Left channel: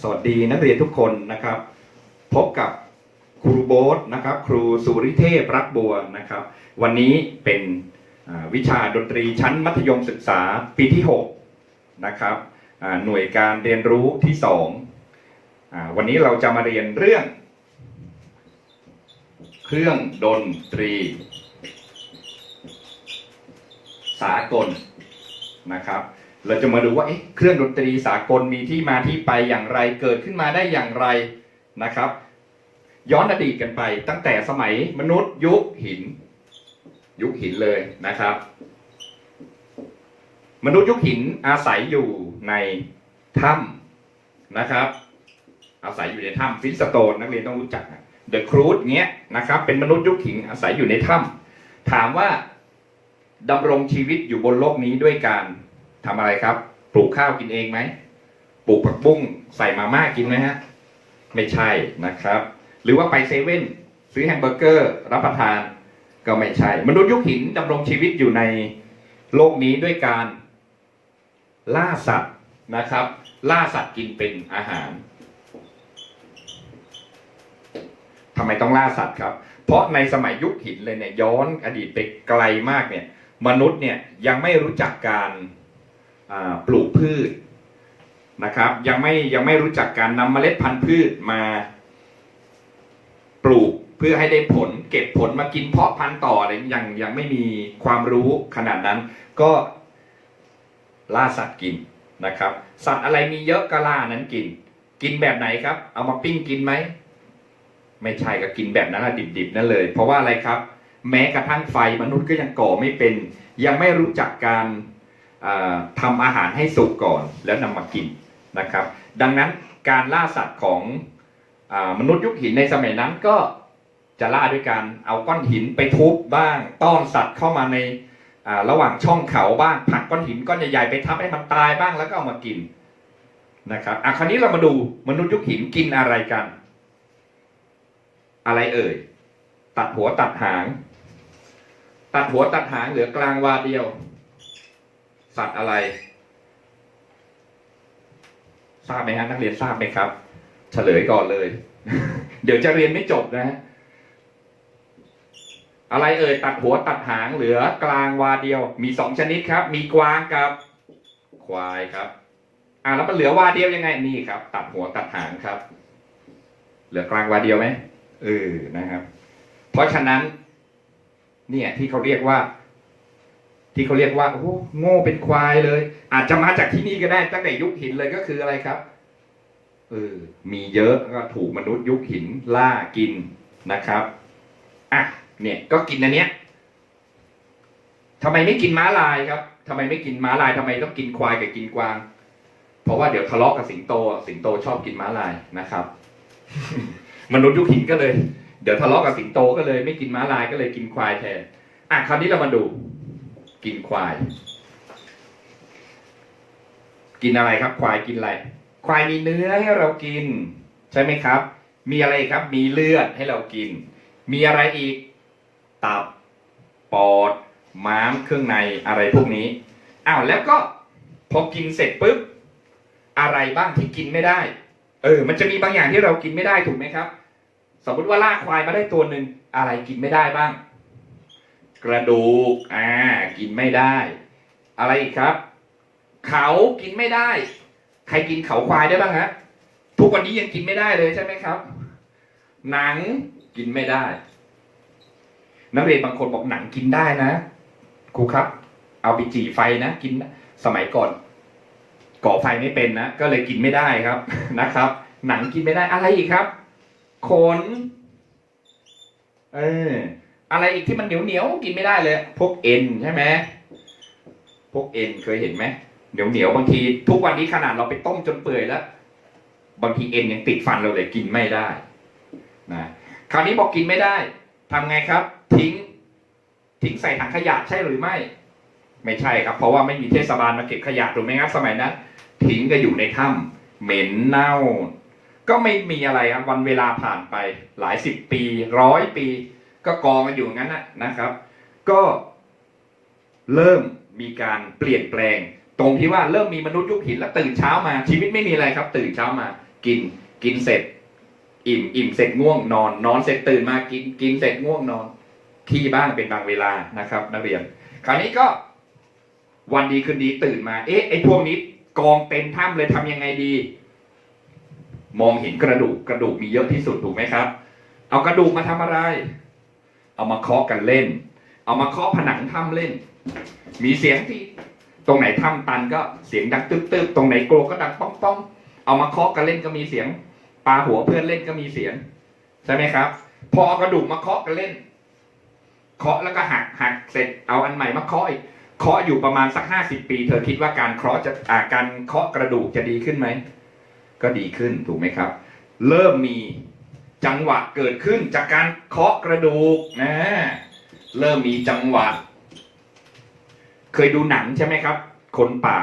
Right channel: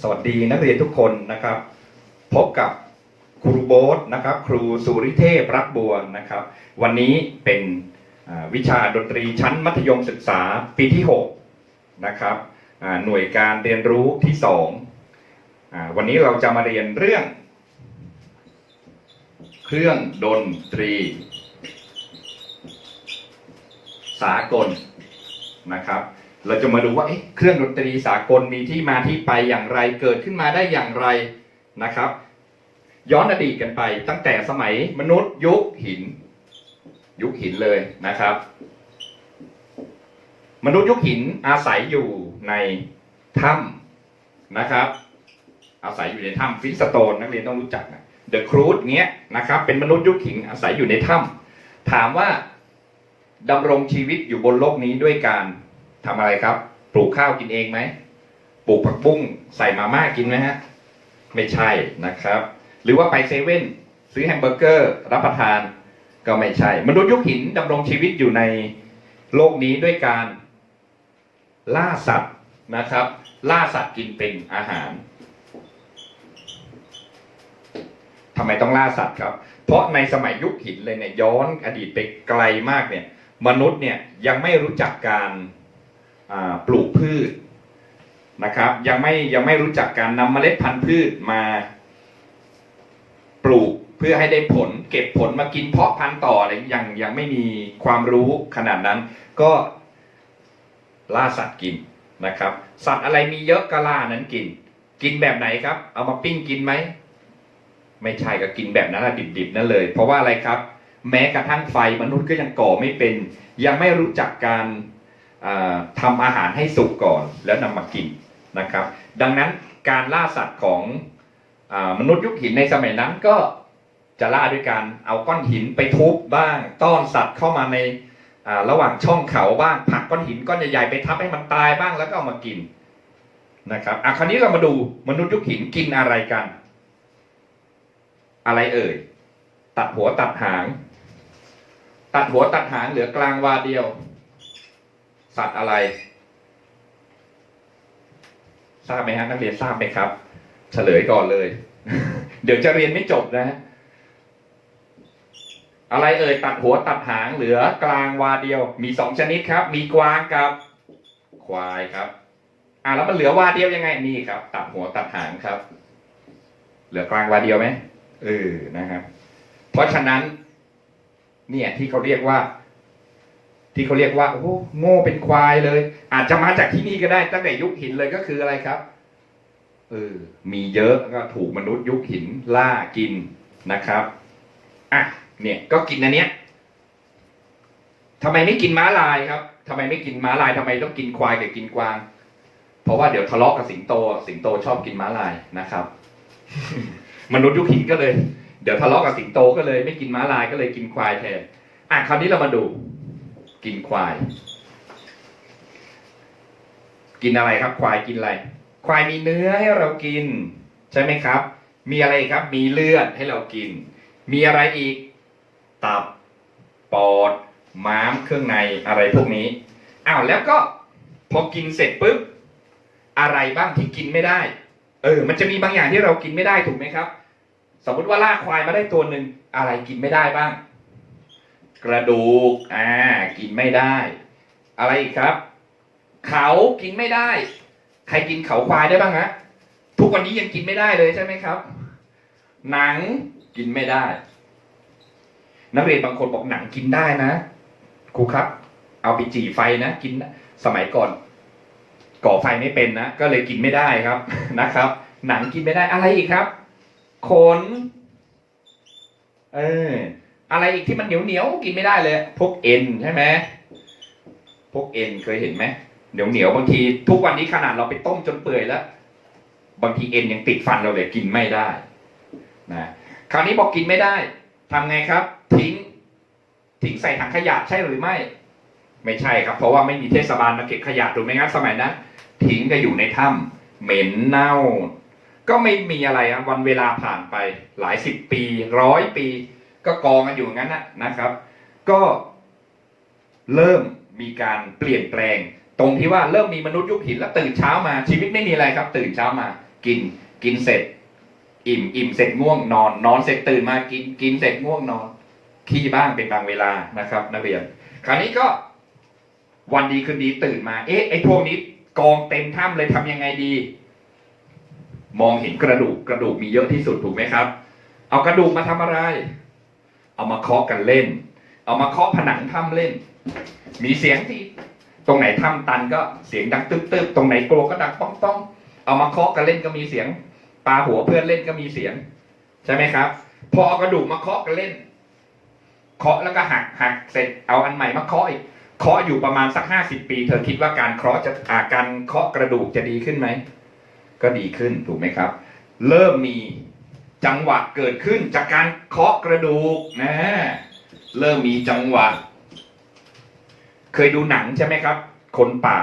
สวัสดีนักเรียนทุกคนนะครับ พบกับครูโบ๊ทนะครับ ครูสุริเทพรักบัวนะครับ วันนี้เป็นวิชาดนตรีชั้นมัธยมศึกษาปีที่6นะครับหน่วยการเรียนรู้ที่2อ่าวันนี้เราจะมาเรียนเรื่อง เครื่องดนตรี สากลนะครับ เราจะมาดูว่าเครื่องดนตรีสากลมีที่มาที่ไปอย่างไรเกิดขึ้นมาได้อย่างไรนะครับ ย้อนอดีตกันไปตั้งแต่สมัยมนุษย์ยุคหิน ยุคหินเลยนะครับ มนุษย์ยุคหินอาศัยอยู่ในถ้ำนะครับ อาศัยอยู่ในถ้ำฟิสโตนนักเรียนต้องรู้จักเดอะครูดเงี้ยนะครับ เป็นมนุษย์ยุคหินอาศัยอยู่ในถ้ำถามว่าดำรงชีวิตอยู่บนโลกนี้ด้วยการ ทำอะไรครับ ปลูกข้าวกินเองไหมปลูกผักบุ้งใส่มาม่ากินไหมฮะไม่ใช่นะครับ หรือว่าไปเซเว่นซื้อแฮมเบอร์เกอร์รับประทานก็ไม่ใช่ มนุษย์ยุคหินดำรงชีวิตอยู่ในโลกนี้ด้วยการล่าสัตว์นะครับ ล่าสัตว์กินเป็นอาหารทำไมต้องล่าสัตว์ครับ เพราะในสมัยยุคหินเลยเนี่ยย้อนอดีตไปไกลมากเนี่ย มนุษย์เนี่ยยังไม่รู้จักการ ปลูกพืชนะครับ ยังไม่ยังไม่รู้จักการนำเมล็ดพันธุ์พืชมา ปลูกเพื่อให้ได้ผล เก็บผลมากินเพาะพันธุ์ต่ออะไรยังยังไม่มีความรู้ขนาดนั้น ก็ล่าสัตว์กินนะครับ สัตว์อะไรมีเยอะก็ล่านั้นกิน กินแบบไหนครับ เอามาปิ้งกินไหมไม่ใช่ก็กินแบบนั้นแหละดิบๆนั่นเลย เพราะว่าอะไรครับ แม้กระทั่งไฟมนุษย์ก็ยังก่อไม่เป็น ยังไม่รู้จักการ ทำอาหารให้สุกก่อนแล้วนำมากินนะครับ ดังนั้นการล่าสัตว์ของอมนุษย์ยุคหินในสมัยนั้นก็จะล่าด้วยการเอาก้อนหินไปทุบบ้างต้อนสัตว์เข้ามาในระหว่างช่องเขาบ้างผลักก้อนหินก้อนใหญ่ๆไปทับให้มันตายบ้างแล้วก็เอามากินนะครับอะคราวนี้เรามาดูมนุษย์ยุคหินกินอะไรกัน อะไรเอ่ย ตัดหัวตัดหาง ตัดหัวตัดหางเหลือกลางวาเดียว สัตว์อะไร ทราบไหมฮะนักเรียนทราบไหมครับ เฉลยก่อนเลย เดี๋ยวจะเรียนไม่จบนะฮะอะไรเอ่ยตัดหัวตัดหางเหลือกลางวาเดียว มีสองชนิดครับ มีกวางกับควายครับ อ่าแล้วมันเหลือวาเดียวยังไงนี่ครับ ตัดหัวตัดหางครับ เหลือกลางวาเดียวไหมเออนะครับ เพราะฉะนั้น เนี่ยที่เขาเรียกว่า ที่เขาเรียกว่าโอ้โง่เป็นควายเลย อาจจะมาจากที่นี่ก็ได้ตั้งแต่ยุคหินเลยก็คืออะไรครับเออมีเยอะก็ถูกมนุษย์ยุคหินล่ากินนะครับอะเนี่ยก็กินอันเนี้ยทำไมไม่กินม้าลายครับทำไมไม่กินม้าลายทำไมต้องกินควายกับกินกวาง เพราะว่าเดี๋ยวทะเลาะกับสิงโต สิงโตชอบกินม้าลายนะครับ มนุษย์ยุคหินก็เลย เดี๋ยวทะเลาะกับสิงโตก็เลย ไม่กินม้าลายก็เลยกินควายแทนอะคราวนี้เรามาดู กินควาย กินอะไรครับ ควายกินอะไร ควายมีเนื้อให้เรากิน ใช่ไหมครับ มีอะไรครับ มีเลือดให้เรากิน มีอะไรอีก ตับ ปอด ม้าม เครื่องใน อะไรพวกนี้ อ้าว แล้วก็พอกินเสร็จปุ๊บ อะไรบ้างที่กินไม่ได้ เออ มันจะมีบางอย่างที่เรากินไม่ได้ถูกไหมครับ สมมติว่าล่าควายมาได้ตัวหนึ่ง อะไรกินไม่ได้บ้าง กระดูกอ่ากินไม่ได้ อะไรอีกครับ เขากินไม่ได้ ใครกินเขาควายได้บ้างฮะทุกวันนี้ยังกินไม่ได้เลยใช่ไหมครับ หนังกินไม่ได้ นักเรียนบางคนบอกหนังกินได้นะครูครับ เอาไปจี่ไฟนะกินสมัยก่อน ก่อไฟไม่เป็นนะก็เลยกินไม่ได้ครับนะครับ หนังกินไม่ได้อะไรอีกครับขนเออ อะไรอีกที่มันเหนียวเหนียวกินไม่ได้เลย พวกเอ็นใช่ไหมพวกเอ็นเคยเห็นไหมเหนียวเหนียวบางที ทุกวันนี้ขนาดเราไปต้มจนเปื่อยแล้ว บางทีเอ็นยังติดฟันเราเลยกินไม่ได้นะคราวนี้บอกกินไม่ได้ทำไงครับ ทิ้ง ทิ้งใส่ถังขยะใช่หรือไม่ ไม่ใช่ครับ เพราะว่าไม่มีเทศบาลมาเก็บขยะถูกไหมครับสมัยนั้นทิ้งก็อยู่ในถ้ำเหม็นเน่า ก็ไม่มีอะไรครับวันเวลาผ่านไป หลายสิบปีร้อยปี ก็กองกันอยู่อย่างนั้นนะนะครับ ก็เริ่มมีการเปลี่ยนแปลง ตรงที่ว่าเริ่มมีมนุษย์ยุคหินแล้วตื่นเช้ามาชีวิตไม่มีอะไรครับ ตื่นเช้ามา กินกินเสร็จ อิ่มอิ่มเสร็จง่วงนอน นอนเสร็จตื่นมากินกินเสร็จง่วงนอนขี้บ้างเป็นบางเวลานะครับนักเรียน คราวนี้ก็ วันดีคืนดีตื่นมา เอ๊ะไอ้พวกนี้กองเต็มถ้ำเลยทำยังไงดี มองเห็นกระดูกกระดูกมีเยอะที่สุดถูกไหมครับ เอากระดูกมาทำอะไร เอามาเคาะกันเล่น เอามาเคาะผนังถ้ำเล่น มีเสียงที่ตรงไหนถ้ำตันก็เสียงดังตึ๊บตึ๊บตรงไหนโกลัวก็ดังป้องป้องเอามาเคาะกันเล่นก็มีเสียงปาหัวเพื่อนเล่นก็มีเสียง ใช่ไหมครับ พอเอากระดูกมาเคาะกันเล่น เคาะแล้วก็หักหักเสร็จเอาอันใหม่มาเคาะอีกเคาะอยู่ประมาณสักห้าสิบปี เธอคิดว่าการเคาะจะอาการเคาะกระดูกจะดีขึ้นไหมก็ดีขึ้นถูกไหมครับ เริ่มมี จังหวะเกิดขึ้นจากการเคาะกระดูกนะเริ่มมีจังหวะ เคยดูหนังใช่ไหมครับ คนป่า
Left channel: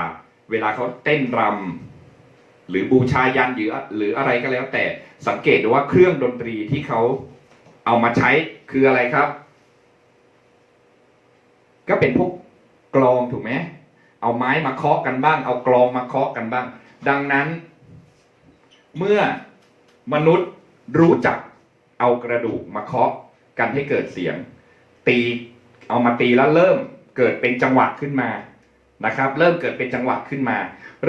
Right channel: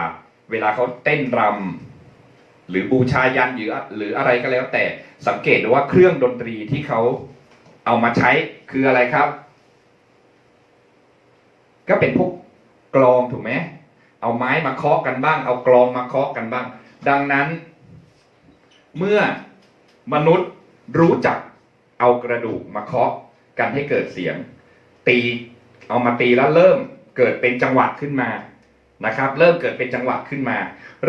เวลาเขาเต้นรำหรือบูชายันหรือหรืออะไรก็แล้ว แต่สังเกตดูว่าเครื่องดนตรีที่เขาเอามาใช้คืออะไรครับ ก็เป็นพวกกลองถูกไหมเอาไม้มาเคาะกันบ้าง เอากลองมาเคาะกันบ้าง ดังนั้น เมื่อมนุษย์ รู้จักเอากระดูกมาเคาะกันให้เกิดเสียง ตีเอามาตีแล้วเริ่มเกิดเป็นจังหวะขึ้นมานะครับ เริ่มเกิดเป็นจังหวะขึ้นมา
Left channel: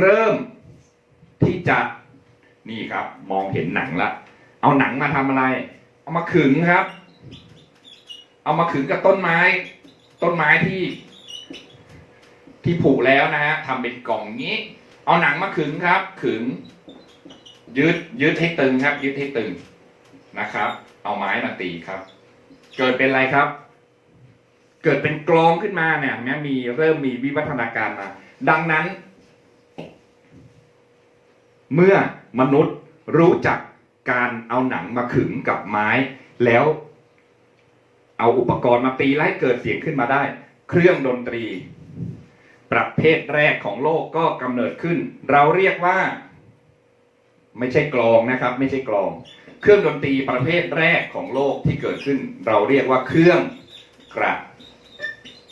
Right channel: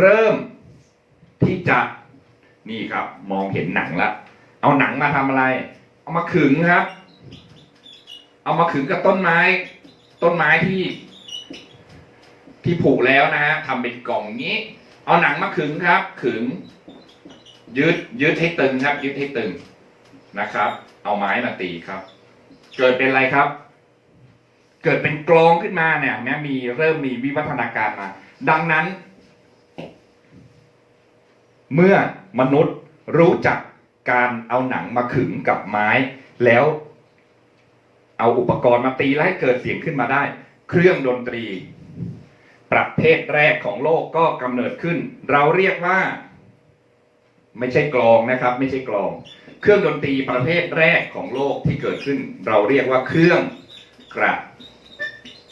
เริ่มที่จะนี่ครับ มองเห็นหนังละเอาหนังมาทำอะไร เอามาขึงครับ เอามาขึงกับต้นไม้ ต้นไม้ที่ที่ผูกแล้วนะฮะทำเป็นกล่องนี้ เอาหนังมาขึงครับ ขึง ยืดยืดให้ตึงครับ ยืดให้ตึง นะครับ เอาไม้มาตีครับ เกิดเป็นอะไรครับ เกิดเป็นกลองขึ้นมาเนี่ยแม้มีเริ่มมีวิวัฒนาการมาดังนั้น เมื่อมนุษย์รู้จักการเอาหนังมาขึงกับไม้ แล้วเอาอุปกรณ์มาตีและให้เกิดเสียงขึ้นมาได้ เครื่องดนตรี ประเภทแรกของโลกก็กำเนิดขึ้น เราเรียกว่า ไม่ใช่กลองนะครับ ไม่ใช่กลอง เครื่องดนตรีประเภทแรกของโลกที่เกิดขึ้น เราเรียกว่าเครื่องกระ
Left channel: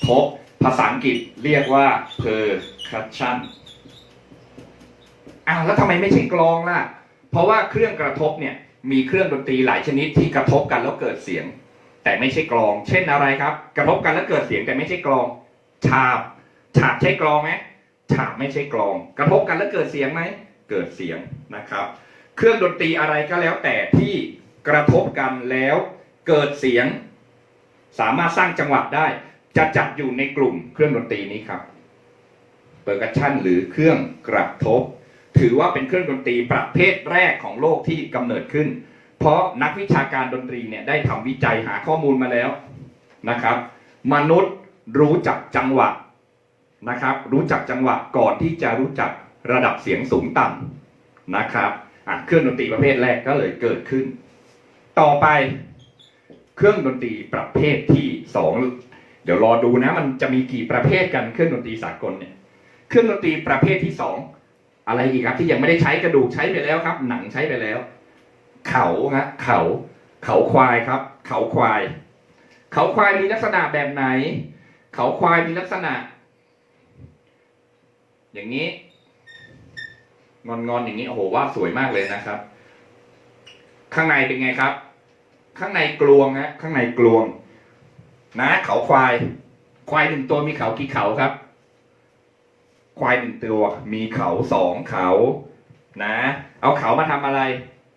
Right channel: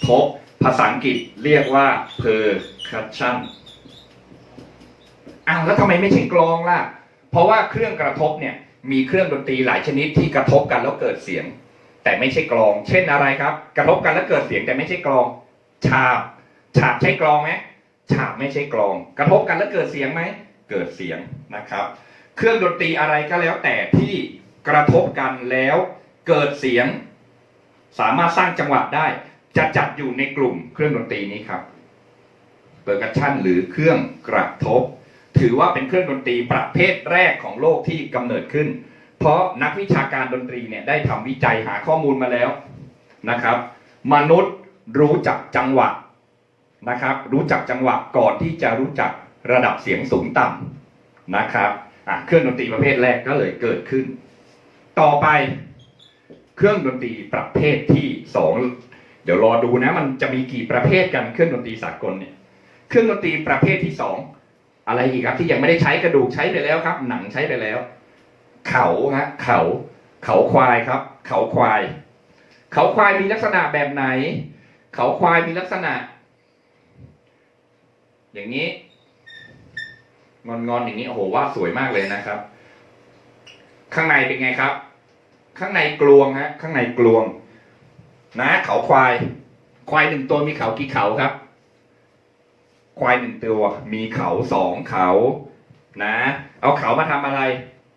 ทบภาษาอังกฤษเรียกว่า percussion อ้าวแล้วทำไมไม่ใช่กลองล่ะ เพราะว่าเครื่องกระทบเนี่ยมีเครื่องดนตรีหลายชนิดที่กระทบกันแล้วเกิดเสียง แต่ไม่ใช่กลอง เช่นอะไรครับ กระทบกันแล้วเกิดเสียงแต่ไม่ใช่กลอง ฉาบ ฉาบใช่กลองไหมฉาบไม่ใช่กลอง กระทบกันแล้วเกิดเสียงไหม เกิดเสียงนะครับ เครื่องดนตรีอะไรก็แล้วแต่ที่กระทบกันแล้วเกิดเสียง สามารถสร้างจังหวะได้ จะจัดอยู่ในกลุ่มเครื่องดนตรีนี้ครับเปอร์กัชชันหรือเครื่องกระทบ ถือว่าเป็นเครื่องดนตรีประเภทแรกของโลกที่กำเนิดขึ้น เพราะนักวิชาการดนตรีเนี่ยได้ทำวิจัยหาข้อมูลมาแล้วนะครับ มนุษย์รู้จักจังหวะนะครับ รู้จักจังหวะก่อนที่จะรู้จักระดับเสียงสูงต่ำนะครับ เครื่องดนตรีประเภทแรกก็เลยเกิดขึ้น ต่อไปเครื่องดนตรีประเภทที่สองเดี๋ยวรอดูนะ มันจะมีกี่ประเภทกันเครื่องดนตรีสากลเนี่ย เครื่องดนตรีประเภทที่สองอะไรอีกครับ ที่ยังไม่ได้ใช้กระดูกใช้ไปแล้วครับ หนังใช้ไปแล้ว เขาฮะเขา เขาควายครับ เขาควาย เขาควายมีลักษณะแบบไหน เขาควายมีลักษณะ อย่างนี้ งอนงอนอย่างนี้โอ้โหว่าสวยมากเลยนะครับ ข้างในเป็นไงครับ ข้างในกลวงฮะข้างในกลวง นะเขาควาย ควายหนึ่งตัวมีเขากี่เขาครับ ควายหนึ่งตัว มีเขาสองเขา นะ เอาเขามาทำอะไร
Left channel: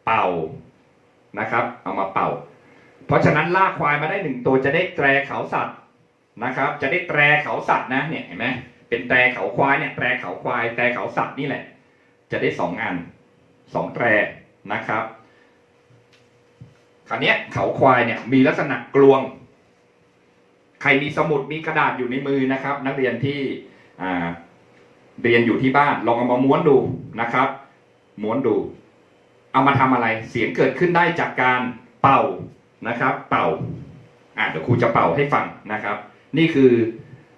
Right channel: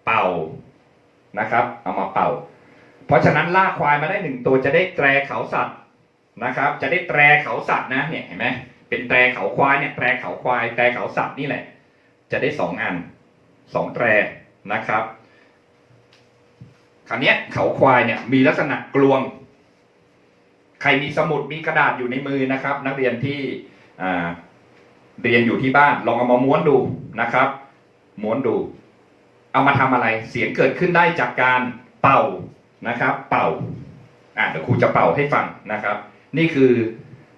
เป่านะครับ เอามาเป่า เพราะฉะนั้นล่าควายมาได้หนึ่งตัวจะได้แตรเขาสัตว์นะครับ จะได้แตรเขาสัตว์นะเนี่ยเห็นไหมเป็นแตรเขาควายเนี่ยแตรเขาควายแตรเขาสัตว์นี่แหละ จะได้สองอันสองแตรนะครับคราวนี้เขาควายเนี่ยมีลักษณะกลวง ใครมีสมุดมีกระดาษอยู่ในมือนะครับ นักเรียนที่เรียนอยู่ที่บ้านลองเอามาม้วนดูนะครับ ม้วนดู เอามาทำอะไร เสียงเกิดขึ้นได้จากการเป่านะครับ เป่าอะเดี๋ยวครูจะเป่าให้ฟังนะครับ นี่คือ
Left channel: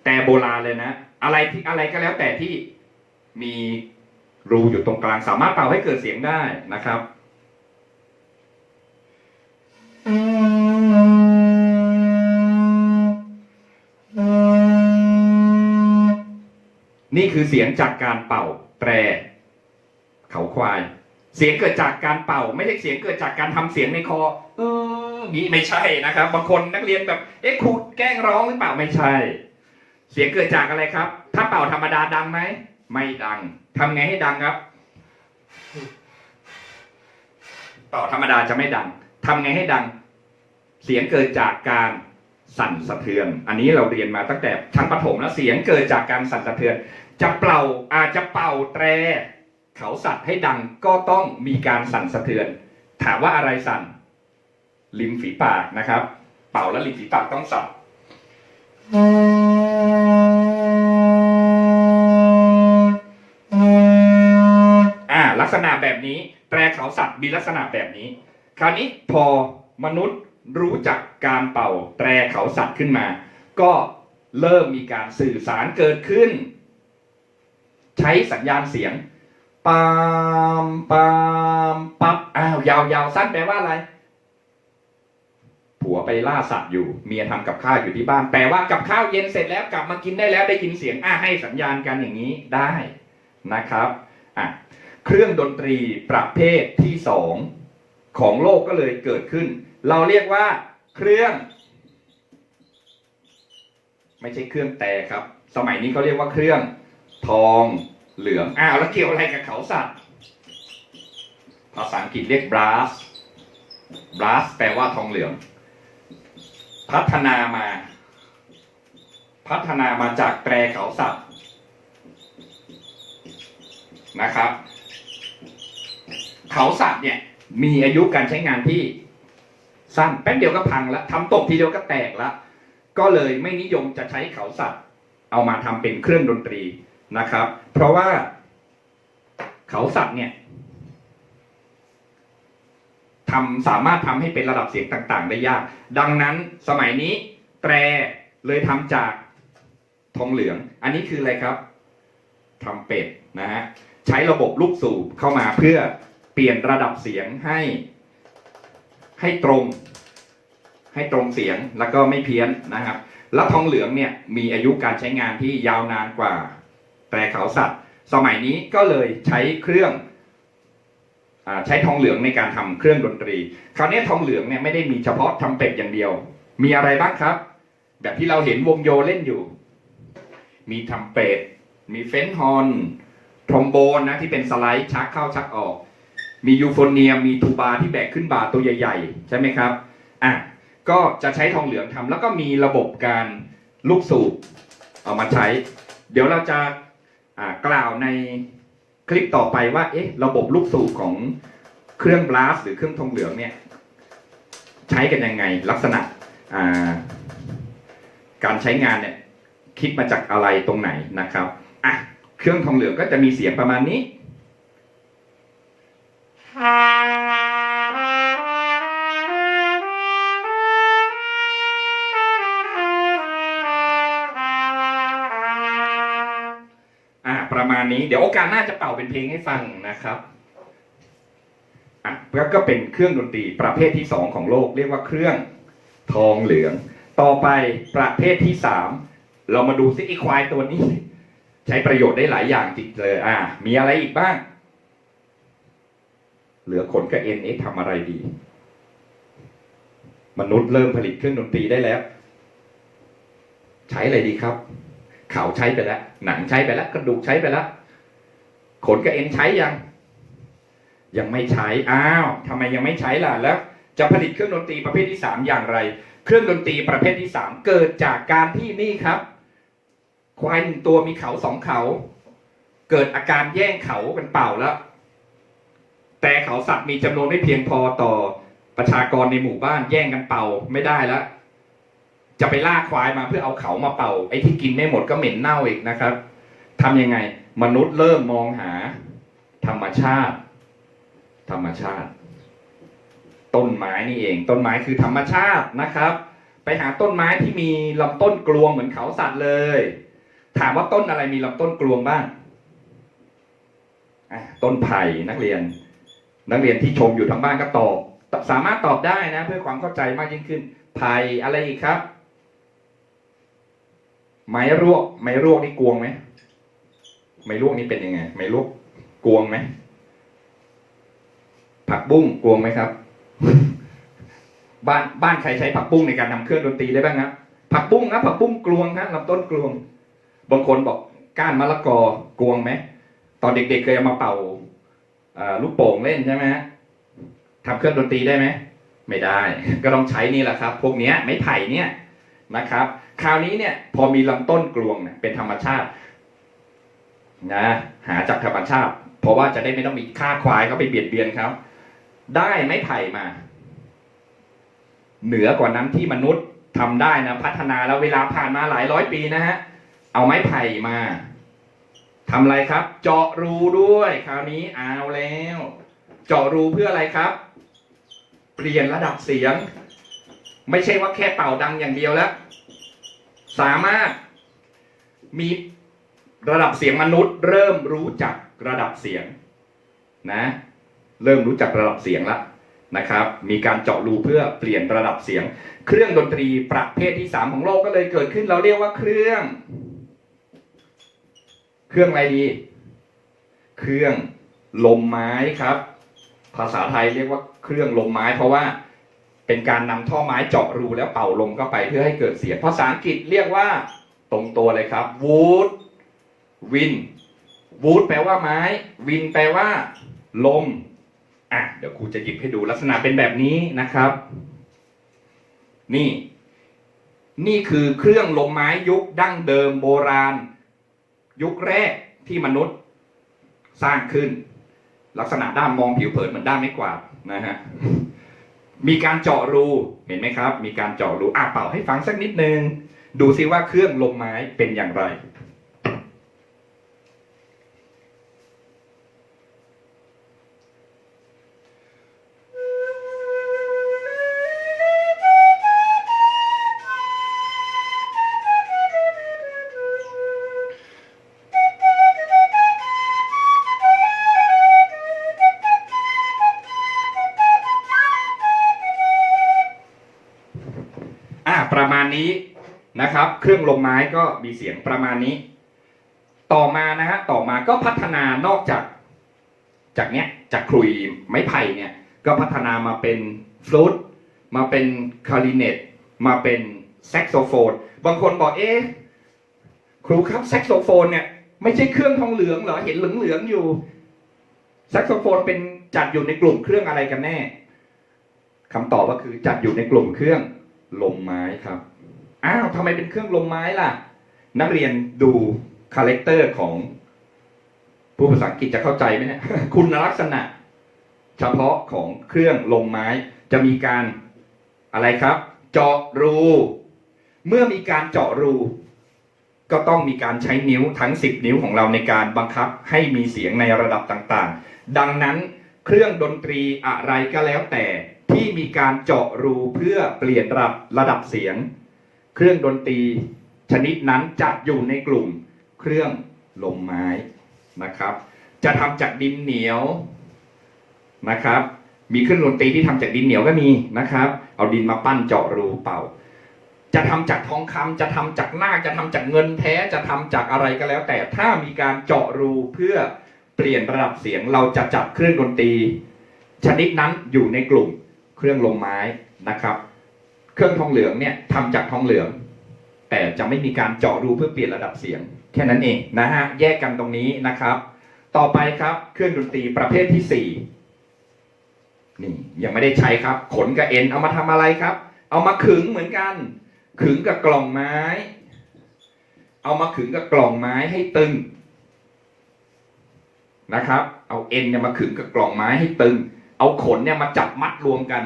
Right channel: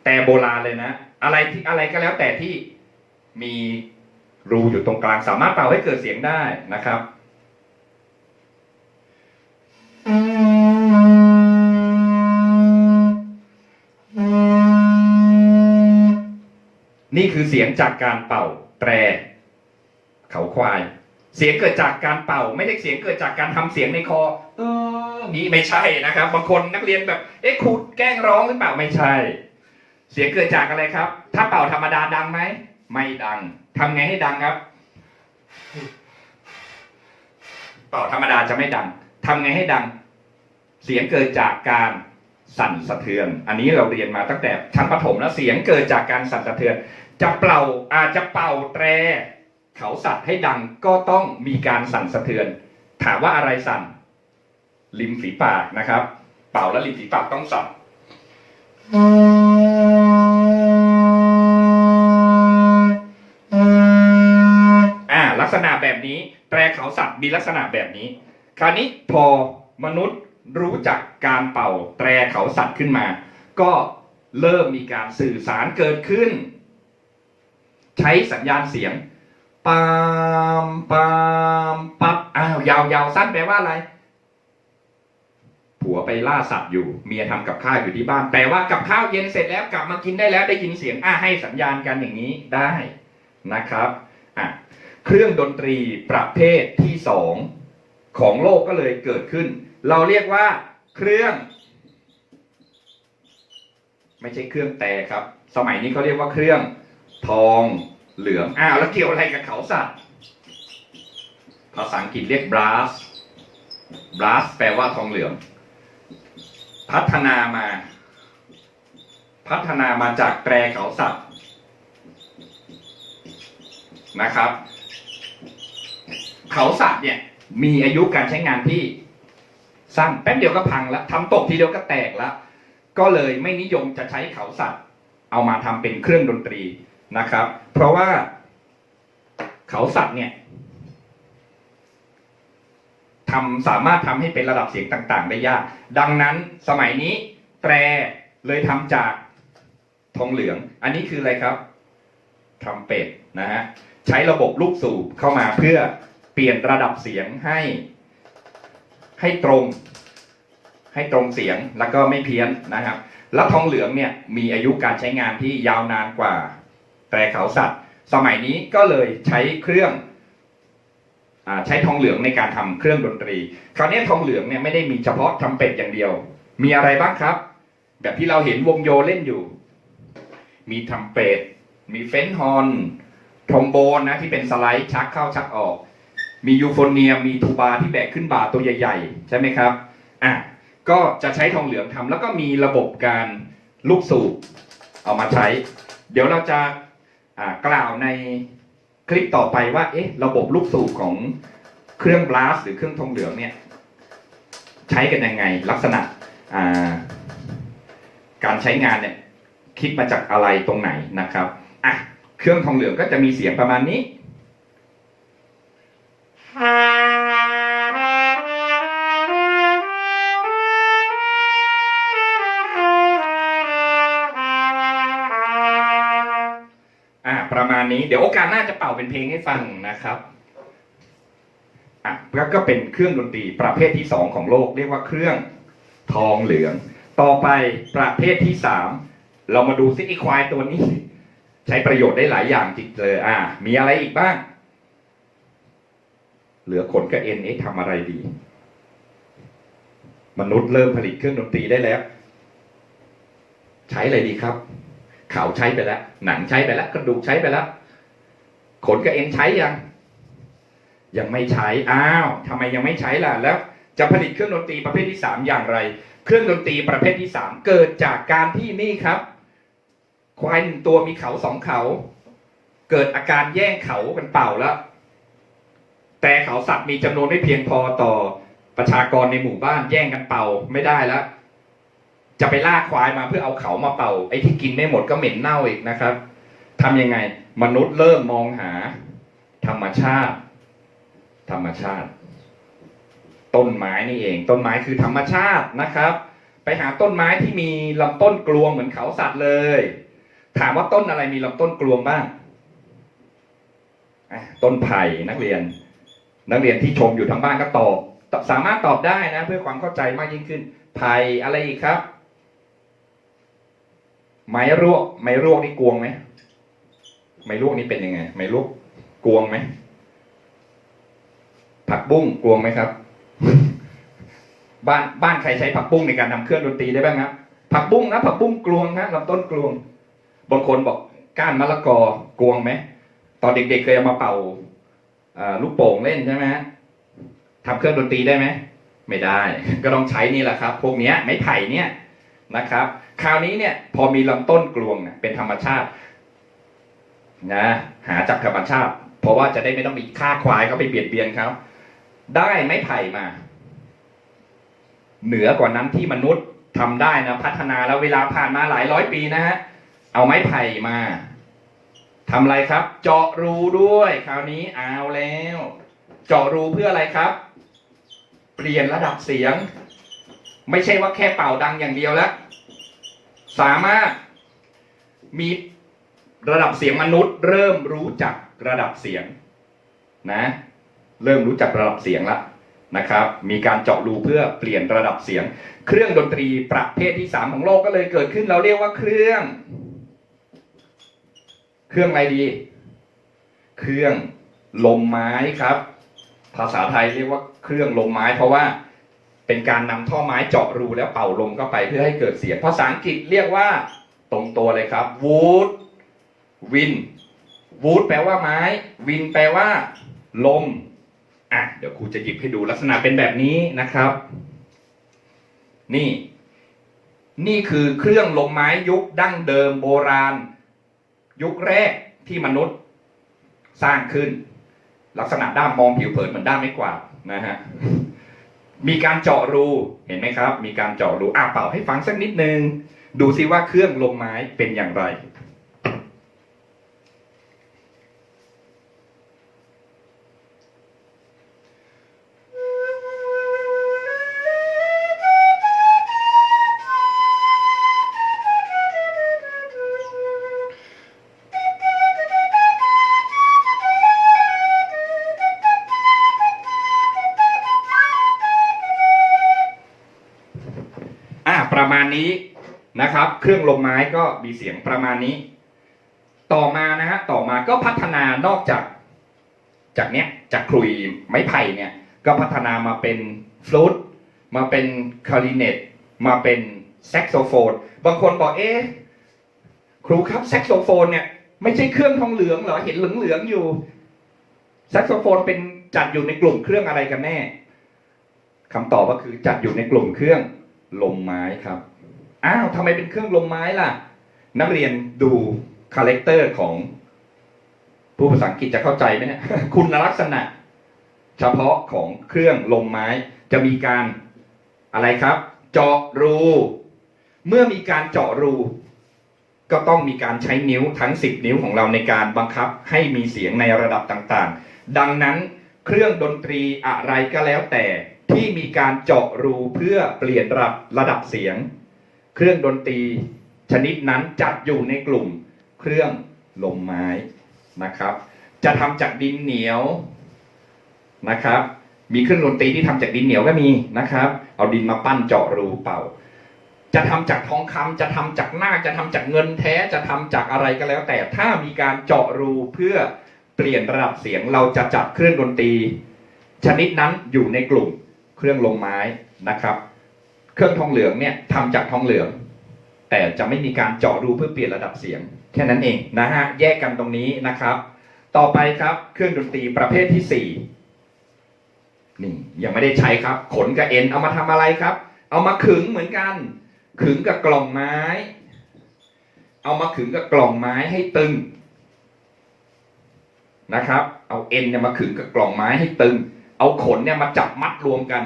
แต่โบราณเลยนะ อะไรที่อะไรก็แล้วแต่ที่มี รูอยู่ตรงกลางสามารถเป่าให้เกิดเสียงได้นะครับ นี่คือเสียงจากการเป่าแตร เขาควาย เสียงเกิดจากการเป่า ไม่ใช่เสียงเกิดจากการทำเสียงในคอเออนี่ไม่ใช่นะครับ บางคนนักเรียนแบบเอ๊ะครูแกล้งร้องหรือเปล่าไม่ใช่ เสียงเกิดจากอะไรครับ ถ้าเป่าธรรมดาดังไหม ไม่ดังทำไงให้ดังครับ เป่าธรรมดาจะไม่ดังทำไงให้ดัง เสียงเกิดจากการสั่นสะเทือน อันนี้เราเรียนมาตั้งแต่ชั้นประถมแล้วเสียงเกิดจากการสั่นสะเทือน จะเป่าอาจจะเป่าแตร เขาสัตว์ให้ดังก็ต้องมีการสั่นสะเทือน ถามว่าอะไรสั่น ริมฝีปากนะครับ เป่าแล้วริมฝีปากต้องสั่น ษณะแบบนี้ แตรเขาสัตว์มีลักษณะแบบนี้ คราวนี้พอมนุษย์รู้จักการเป่า แตรเขาสัตว์ขึ้นมา ก็เริ่มมีการสื่อสารเกิดขึ้น ใช้สัญญาณเสียงปามปามปับอ้าวยาวยาวสั้นแปลว่าอะไรผัวไปล่าสัตว์อยู่ เมียทำกับข้าวอยู่ที่บ้าน แปลว่ากับข้าวเย็นเสร็จแล้วกลับมากินได้แล้วได้ยินเสียง อ่าให้สัญญาณกันอย่างนี้ได้นะครับ อะ เครื่องดนตรีประเภทที่สองของโลกก็เลยเกิดขึ้น เราเรียกว่าเครื่อง ไม่ใช่เครื่องแต่ครับ สมัยนี้เขาเรียกว่าเครื่องทองเหลืองอ้าวแล้วเกี่ยวอะไรกับเขาสัตว์ภาษาอังกฤษเรียก brass brass แปลว่าทองเหลือง พัฒนามา พัฒนามาจากแตรเขาสัตว์นะครับ เขาสัตว์เนี่ย มีอายุการใช้งานที่สั้นแป๊บเดียวก็พังแล้วทำตกทีเดียวก็แตกแล้วก็เลยไม่นิยมจะใช้เขาสัตว์ เอามาทำเป็นเครื่องดนตรีนะครับ เพราะว่าเขาสัตว์เนี่ยทำสามารถทำให้เป็นระดับเสียงต่างๆ ได้ยาก ดังนั้นสมัยนี้แตรเลยทำจากทองเหลือง อันนี้คืออะไรครับทำเป็ดนะฮะใช้ระบบลูกสูบเข้ามาเพื่อ เปลี่ยนระดับเสียงให้ ให้ตรง ให้ตรงเสียงแล้วก็ไม่เพี้ยนนะครับและทองเหลืองเนี่ยมีอายุการใช้งานที่ยาวนานกว่า แต่เขาสัตว์ สมัยนี้ก็เลยใช้เครื่องอใช้ทองเหลืองในการทำเครื่องดนตรี คราวนี้ทองเหลืองเนี่ยไม่ได้มีเฉพาะทำเป็ดอย่างเดียว มีอะไรบ้างครับ แบบที่เราเห็นวงโยเล่นอยู่ มีทำเป็ดมีเฟนฮอร์นทรอมโบนนะที่เป็นสไลด์ชักเข้าชักออก มียูโฟเนียมมีทูบาที่แบกขึ้นบาตัวใหญ่ ๆ ใช่ไหมครับอะก็จะใช้ทองเหลืองทำแล้วก็มีระบบการลูกสูบเอามาใช้ เดี๋ยวเราจะกล่าวในคลิปต่อไปว่าเอ๊ะระบบลูกสูบของเครื่องบลาสหรือเครื่องทองเหลืองเนี่ยใช้กันยังไง ลักษณะาการใช้งานเนี่ยคิดมาจากอะไรตรงไหนนะครับอะเครื่องทองเหลืองก็จะมีเสียงประมาณนี้ ณนี้ เดี๋ยวโอกาสหน้าจะเป่าเป็นเพลงให้ฟังนะครับอะแล้วก็เป็นเครื่องดนตรีประเภทที่สองของโลก เรียกว่าเครื่องทองเหลือง ต่อไปประเภทที่สามเรามาดูซิไอควายตัวนี้ ใช้ประโยชน์ได้หลายอย่างจริงเลย อ่า มีอะไรอีกบ้าง เหลือขนกับเอ็นเอทำอะไรดี มนุษย์เริ่มผลิตเครื่องดนตรีได้แล้ว ใช้อะไรดีครับ เขาใช้ไปแล้ว หนังใช้ไปแล้วกระดูกใช้ไปแล้ว ขนกับเอ็นใช้ยัง ยังไม่ใช้ อ้าวทำไมยังไม่ใช้ล่ะ แล้วจะผลิตเครื่องดนตรีประเภทที่สามอย่างไร เครื่องดนตรีประเภทที่สามเกิดจากการที่นี่ครับ ควายหนึ่งตัวมีเขาสองเขา เกิดอาการแย่งเขากันเปล่าแล้วแต่เขาสัตว์มีจำนวนไม่เพียงพอต่อประชากรในหมู่บ้านแย่งกันเป่าไม่ได้แล้ว จะไปล่าควายมาเพื่อเอาเขามาเป่า ไอ้ที่กินไม่หมดก็เหม็นเน่าอีกนะครับทำยังไง มนุษย์เริ่มมองหา ธรรมชาติ ธรรมชาติ ต้นไม้นี่เอง ต้นไม้คือธรรมชาตินะครับ ไปหาต้นไม้ที่มีลำต้นกลวงเหมือนเขาสัตว์เลย ถามว่าต้นอะไรมีลำต้นกลวงบ้างต้นไผ่นักเรียน นักเรียนที่ชมอยู่ทางบ้านก็ตอบสามารถตอบได้นะ เพื่อความเข้าใจมากยิ่งขึ้นไผ่อะไรอีกครับ ไม้รวก ไม้รวกนี่กวงไหมไม้รวกนี่เป็นยังไง ไม้รวกกวงไหมผักบุ้งกลวงไหมครับ บ้านบ้านใครใช้ผักบุ้งในการทำเครื่องดนตรีได้บ้างครับผักบุ้งนะผักบุ้งกลวงนะลำต้นกลวง บางคนบอกก้านมะละกอกลวงไหมตอนเด็กๆเคยเอามาเป่าลูกโป่งเล่นใช่ไหมทำเครื่องดนตรีได้ไหมไม่ได้ ก็ต้องใช้นี่แหละครับ พวกนี้ไม้ไผ่เนี่ยนะครับ คราวนี้เนี่ยพอมีลำต้นกลวงเป็นธรรมชาตินะหาจากธรรมชาติ เพราะว่าจะได้ไม่ต้องมีค่าควายเขาไปเบียดเบียนเขาได้ไม้ไผ่มา เหนือกว่านั้นที่มนุษย์ทำได้นะพัฒนาแล้วเวลาผ่านมาหลายร้อยปีนะฮะเอาไม้ไผ่มาทำอะไรครับ เจาะรูด้วย คราวนี้เอาแล้ว เจาะรูเพื่ออะไรครับ เปลี่ยนระดับเสียง ไม่ใช่ว่าแค่เป่าดังอย่างเดียวแล้ว สามารถมีระดับเสียงมนุษย์ เริ่มรู้จักระดับเสียงนะเริ่มรู้จักระดับเสียงแล้วนะครับ มีการเจาะรูเพื่อเปลี่ยนระดับเสียง เครื่องดนตรีประเภทที่สามของโลกก็เลยเกิดขึ้นเราเรียกว่าเครื่อง เครื่องอะไรดี เครื่องลมไม้ครับ ภาษาไทยเรียกว่าเครื่องลมไม้เพราะว่า เป็นการนำท่อไม้เจาะรูแล้วเป่าลมเข้าไปเพื่อให้เกิดเสียงภาษาอังกฤษเรียกว่าตรงตัวเลยครับ wood wind wood แปลว่าไม้ wind แปลว่า ลมอะเดี๋ยวครูจะหยิบให้ดูลักษณะเป็นแบบนี้นะครับ นี่ นี่คือเครื่องลมไม้ยุคดั้งเดิมโบราณ ยุคแรกที่มนุษย์สร้างขึ้น ลักษณะด้ามมองผิวเผินเหมือนด้ามไม้กวาดนะฮะ มีการเจาะรูเห็นไหมครับ มีการเจาะรูอะเป่าให้ฟังสักนิดนึง ดูซิว่าเครื่องลมไม้เป็นอย่างไร นะครับ เครื่องลมไม้ก็มีเสียงประมาณนี้ ต่อมานะฮะต่อมาก็พัฒนานอกจาก จากเนี้ยจากคลุยไม้ไผ่เนี่ย ก็พัฒนามาเป็นฟลูตมาเป็นคาริเนตมาเป็นแซกโซโฟนบางคนบอกเอ๊ะครูครับแซกโซโฟนเนี่ยไม่ใช่เครื่องทองเหลืองเหรอเห็นเหลืองๆอยู่แซกโซโฟนเป็นจัดอยู่ในกลุ่มเครื่องอะไรกันแน่คำตอบก็คือจัดอยู่ในกลุ่มเครื่องลมไม้ครับ อ้าวทำไมเป็นเครื่องลมไม้ล่ะ นักเรียนดูคาแรคเตอร์ของผู้ภาษาอังกฤษจะเข้าใจไหมเนี่ยคุณลักษณะ เฉพาะของเครื่องลมไม้ จะมีการอะไรครับ เจาะรู เมื่อมีการเจาะรู ก็ต้องมีการใช้นิ้วทั้ง 10 นิ้วของเราในการบังคับให้มีเสียงในระดับต่างๆ ดังนั้นเครื่องดนตรีอะไรก็แล้วแต่ที่มีการเจาะรูเพื่อเปลี่ยนระดับระดับเสียง เครื่องดนตรีชนิดนั้นจะอยู่ในกลุ่มเครื่องลมไม้นะครับ จะทำจากดินเหนียวนะครับ มีเครื่องดนตรีที่ทำจากดินเหนียวก็มีนะครับ เอาดินมาปั้นเจาะรูเป่า จะทำจากทองคำจะทำจากหน้าจะทำจากเงินแท้จะทำจากอะไรก็แล้ว แต่ถ้ามีการเจาะรูเพื่อเปลี่ยนระดับเสียงเราจะจัดเครื่องดนตรี ชนิดนั้นอยู่ในกลุ่มเครื่องลมไม้นะครับ เครื่องทองเหลืองเนี่ยทำจากทองเหลือง แต่จะไม่มีการเจาะรูเพื่อเปลี่ยนระดับเสียง แค่นั้นเองนะฮะแยกกันตรงนี้นะครับ ต่อไปครับเครื่องดนตรีประเภทที่สี่นี่ยังไม่ได้ใช้ครับ ขนกับเอ็นเอามาทำอะไรครับ เอามาขึงเหมือนกัน ขึงกับกล่องไม้ เอามาขึงกับกล่องไม้ให้ตึงนะครับ เอาเอ็นเนี่ยมาขึงกับกล่องไม้ให้ตึง เอาขนเนี่ยมาจับมัดรวมกัน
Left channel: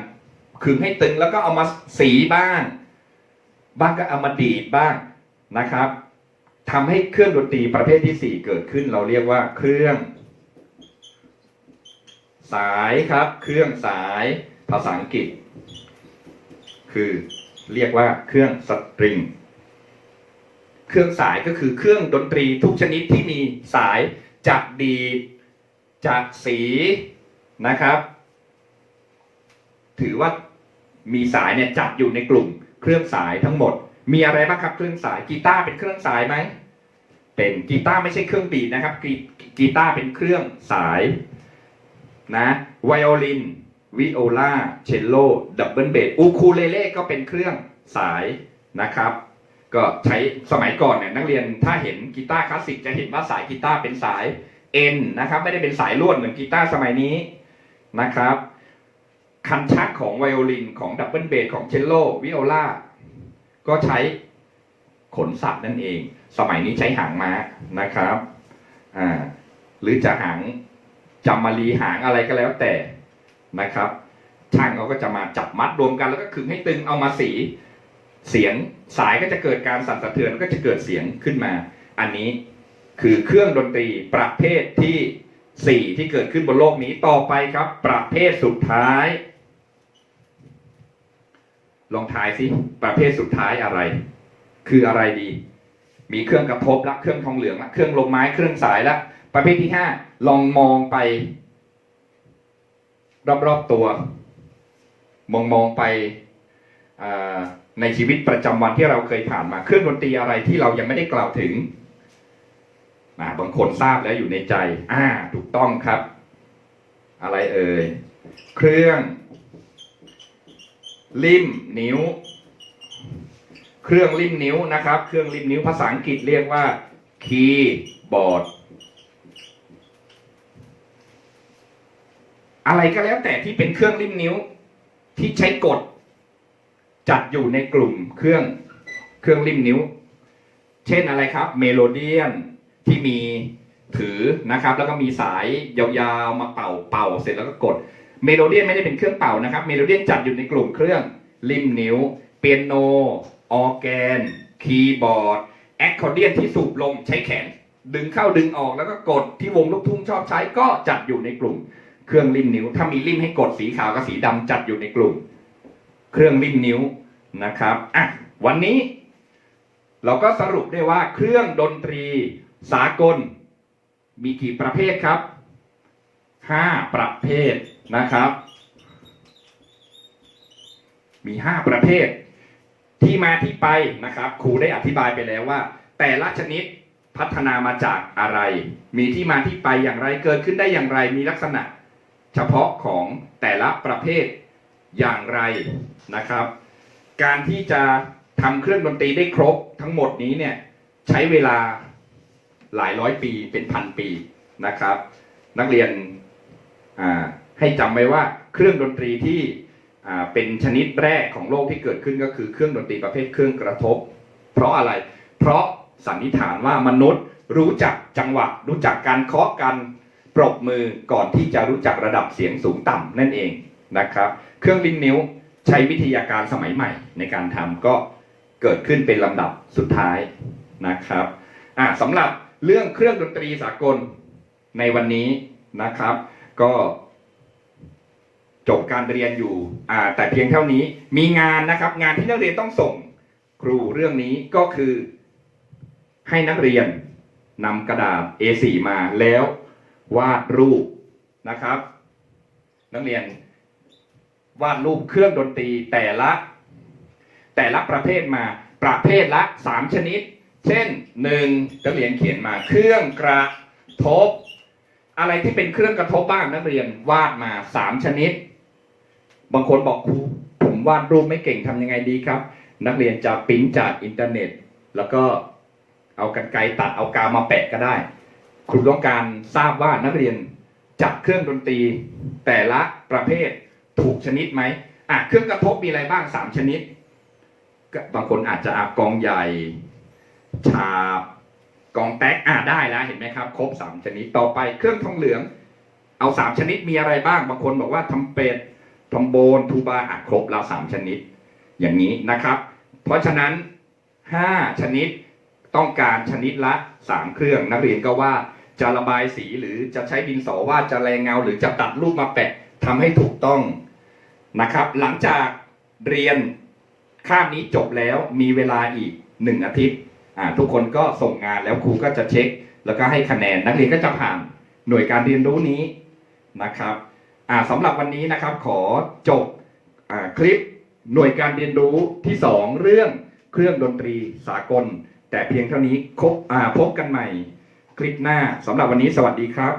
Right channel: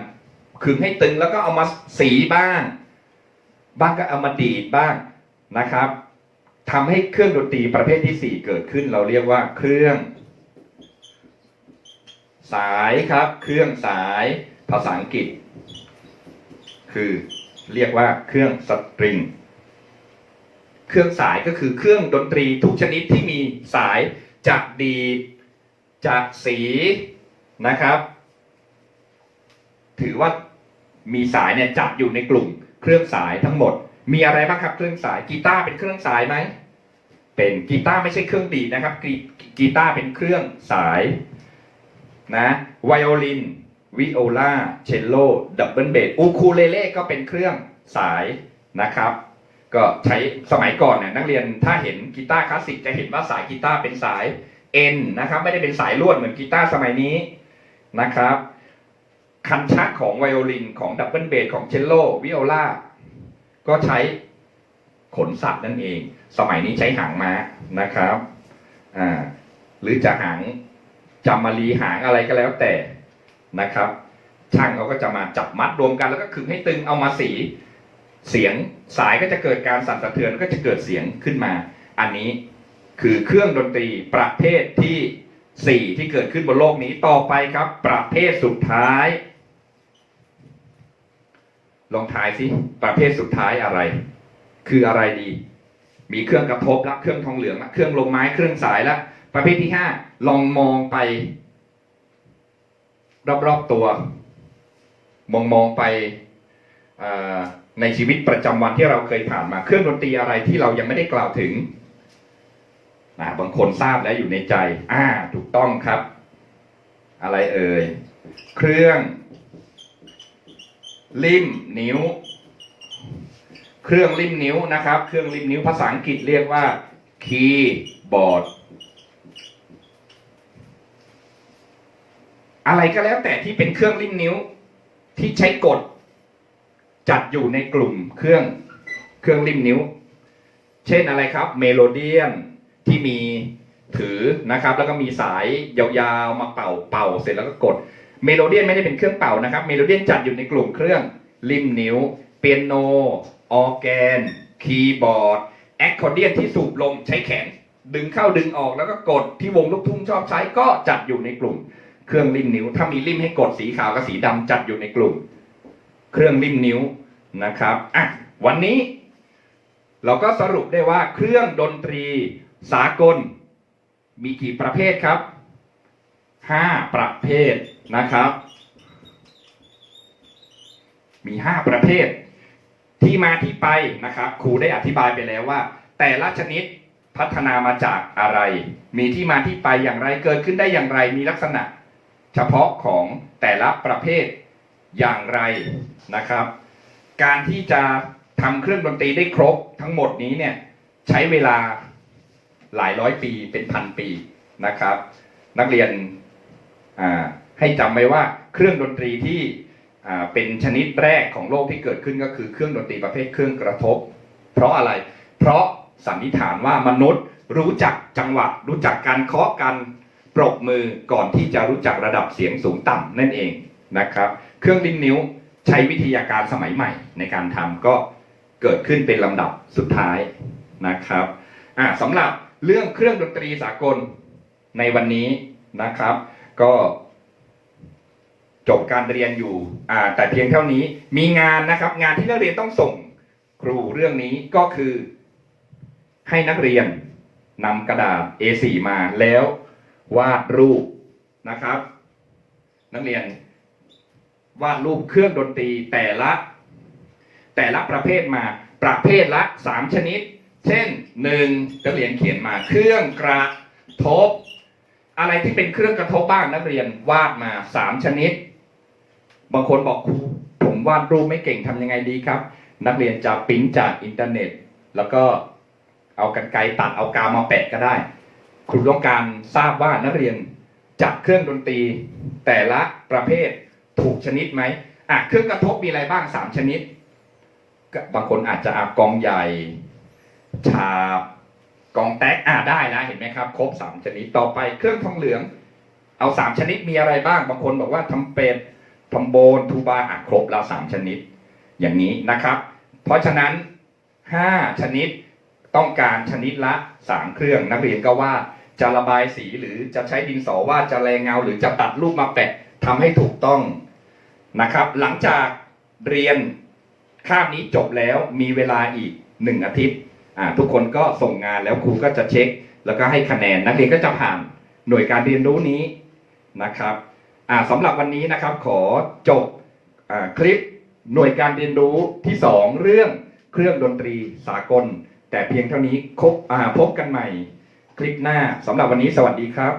ขึงให้ตึงแล้วก็เอามาสีบ้าง บ้างก็เอามาดีดบ้างนะครับทำให้เครื่องดนตรีประเภทที่สี่เกิดขึ้น เราเรียกว่าเครื่อง สายครับ เครื่องสายภาษาอังกฤษ คือเรียกว่าเครื่องสตริงเครื่องสายก็คือเครื่องดนตรีทุกชนิดที่มีสายจากดีจากสีนะครับ ถือว่า มีสายเนี่ยจัดอยู่ในกลุ่มเครื่องสายทั้งหมด มีอะไรบ้างครับเครื่องสายกีตาร์เป็นเครื่องสายไหมเป็นกีตาร์ไม่ใช่เครื่องดีดนะครับกีกีตาร์เป็นเครื่องสายนะไวโอลินวิโอลาเชลโลดับเบิลเบสอูคูเลเล่ก็เป็นเครื่องสายนะครับ ก็ใช้สมัยก่อนเนี่ยนักเรียนถ้าเห็นกีตาร์คลาสสิกจะเห็นว่าสายกีตาร์เป็นสาย N นะครับไม่ได้เป็นสายลวดเหมือนกีตาร์สมัยนี้นะครับ คันชักของไวโอลินของดับเบิลเบสของเชลโลวิโอลาก็ใช้ขนสัตว์นั่นเอง สมัยนี้ใช้หางม้านะครับอ่าหรือจะหางจำมารีหางอะไรก็แล้วแต่นะครับ ช่างเขาก็จะมาจับมัดรวมกันแล้วก็ขึงให้ตึงเอามาสีเสียงสายก็จะเกิดการสั่นสะเทือนก็จะเกิดเสียงขึ้นมา อันนี้คือเครื่องดนตรีประเภทที่สี่ที่เกิดขึ้นบนโลกนี้ต่อไปครับ ประเภทสุดท้าย ลองทายสิประเภทสุดท้ายอะไร คืออะไรดี มีเครื่องกระทบละเครื่องทองเหลืองละเครื่องลมไม้เครื่องสายละประเภทที่ห้าลองมองไป รอบๆตัว มองมองไปในชีวิตประจำวันที่เราเคยผ่านมา เครื่องดนตรีอะไรที่เรายังไม่ได้กล่าวถึงนะบางคนทราบแล้วอยู่ในใจ อ่า ถูกต้องครับ อะไรเอ่ย เครื่อง ลิ่มนิ้ว เครื่องลิ่มนิ้วนะครับ เครื่องลิ่มนิ้วภาษาอังกฤษเรียกว่าคีย์บอร์ดอะไรก็แล้วแต่ที่เป็นเครื่องลิ่มนิ้วที่ใช้กด จัดอยู่ในกลุ่มเครื่องเครื่องลิ่มนิ้ว เช่นอะไรครับ เมโลเดียนที่มีถือนะครับ แล้วก็มีสายยาวๆมาเป่าเป่าเสร็จแล้วก็กด เมโลเดียนไม่ได้เป็นเครื่องเป่านะครับ เมโลเดียนจัดอยู่ในกลุ่มเครื่องริมนิ้ว เปียโน ออแกน คีย์บอร์ด แอคคอร์เดียนที่สูบลมใช้แขน ดึงเข้าดึงออกแล้วก็กดที่วงลูกทุ่งชอบใช้ก็จัดอยู่ในกลุ่ม เครื่องริมนิ้ว ถ้ามีริมให้กดสีขาวกับสีดำจัดอยู่ในกลุ่ม เครื่องริมนิ้วนะครับอะวันนี้เราก็สรุปได้ว่าเครื่องดนตรีสากล มีกี่ประเภทครับห้าประเภท นะครับ มีห้าประเภทที่มาที่ไปนะครับ ครูได้อธิบายไปแล้วว่า แต่ละชนิดพัฒนามาจากอะไร มีที่มาที่ไปอย่างไรเกิดขึ้นได้อย่างไร มีลักษณะ เฉพาะของแต่ละประเภทอย่างไรนะครับ การที่จะทำเครื่องดนตรีได้ครบทั้งหมดนี้เนี่ยใช้เวลาหลายร้อยปีเป็นพันปีนะครับ นักเรียนอ่า ให้จำไว้ว่าเครื่องดนตรีที่เป็นชนิดแรกของโลกที่เกิดขึ้นก็คือเครื่องดนตรีประเภทเครื่องกระทบ เพราะอะไร เพราะสันนิษฐานว่ามนุษย์รู้จักจังหวะ รู้จักการเคาะกันปรบมือก่อนที่จะรู้จักระดับเสียงสูงต่ำนั่นเองนะครับ เครื่องลิ้นนิ้วใช้วิทยาการสมัยใหม่ในการทำก็เกิดขึ้นเป็นลำดับสุดท้ายนะครับอ่าสำหรับเรื่องเครื่องดนตรีสากลในวันนี้นะครับ ก็ จบการเรียนอยู่แต่เพียงเท่านี้มีงานนะครับ งานที่นักเรียนต้องส่งครูเรื่องนี้ก็คือ ให้นักเรียนนำกระดาษ A4 มาแล้ววาดรูปนะครับ นักเรียนวาดรูปเครื่องดนตรีแต่ละ แต่ละประเภทมาประเภทละสามชนิด เช่นหนึ่งนักเรียนเขียนมา เครื่องกระทบ อะไรที่เป็นเครื่องกระทบบ้างนักเรียนวาดมาสามชนิด บางคนบอกครูผมวาดรูปไม่เก่งทำยังไงดีครับ นักเรียนจะปิ้นจากอินเทอร์เน็ต แล้วก็เอากันไกรตัดเอากาวมาแปะก็ได้ ครูต้องการทราบว่านักเรียนจับเครื่องดนตรีแต่ละประเภทถูกชนิดไหมอะเครื่องกระทบมีอะไรบ้างสามชนิด บางคนอาจจะอะกองใหญ่ ฉาบกองแต๊กอ่าได้แล้วเห็นไหมครับ ครบสามชนิดต่อไปเครื่องทองเหลือง เอาสามชนิดมีอะไรบ้าง บางคนบอกว่าทำเป็ด ทอมโบนทูบาอะครบแล้วสามชนิด อย่างนี้นะครับ เพราะฉะนั้นห้าชนิดต้องการชนิดละสามเครื่อง นักเรียนก็ว่าจะระบายสีหรือจะใช้ดินสอวาดจะแรงเงา หรือจะตัดรูปมาแปะทำให้ถูกต้องนะครับ หลังจากเรียนคาบนี้จบแล้วมีเวลาอีกหนึ่งอาทิตย์ทุกคนก็ส่งงานแล้วครูก็จะเช็ค แล้วก็ให้คะแนนนักเรียนก็จะผ่านหน่วยการเรียนรู้นี้นะครับ สำหรับวันนี้นะครับขอจบอคลิปหน่วยการเรียนรู้ที่สองเรื่องเครื่องดนตรีสากล แต่เพียงเท่านี้คบอ่าพบกันใหม่ คลิปหน้าสำหรับวันนี้สวัสดีครับ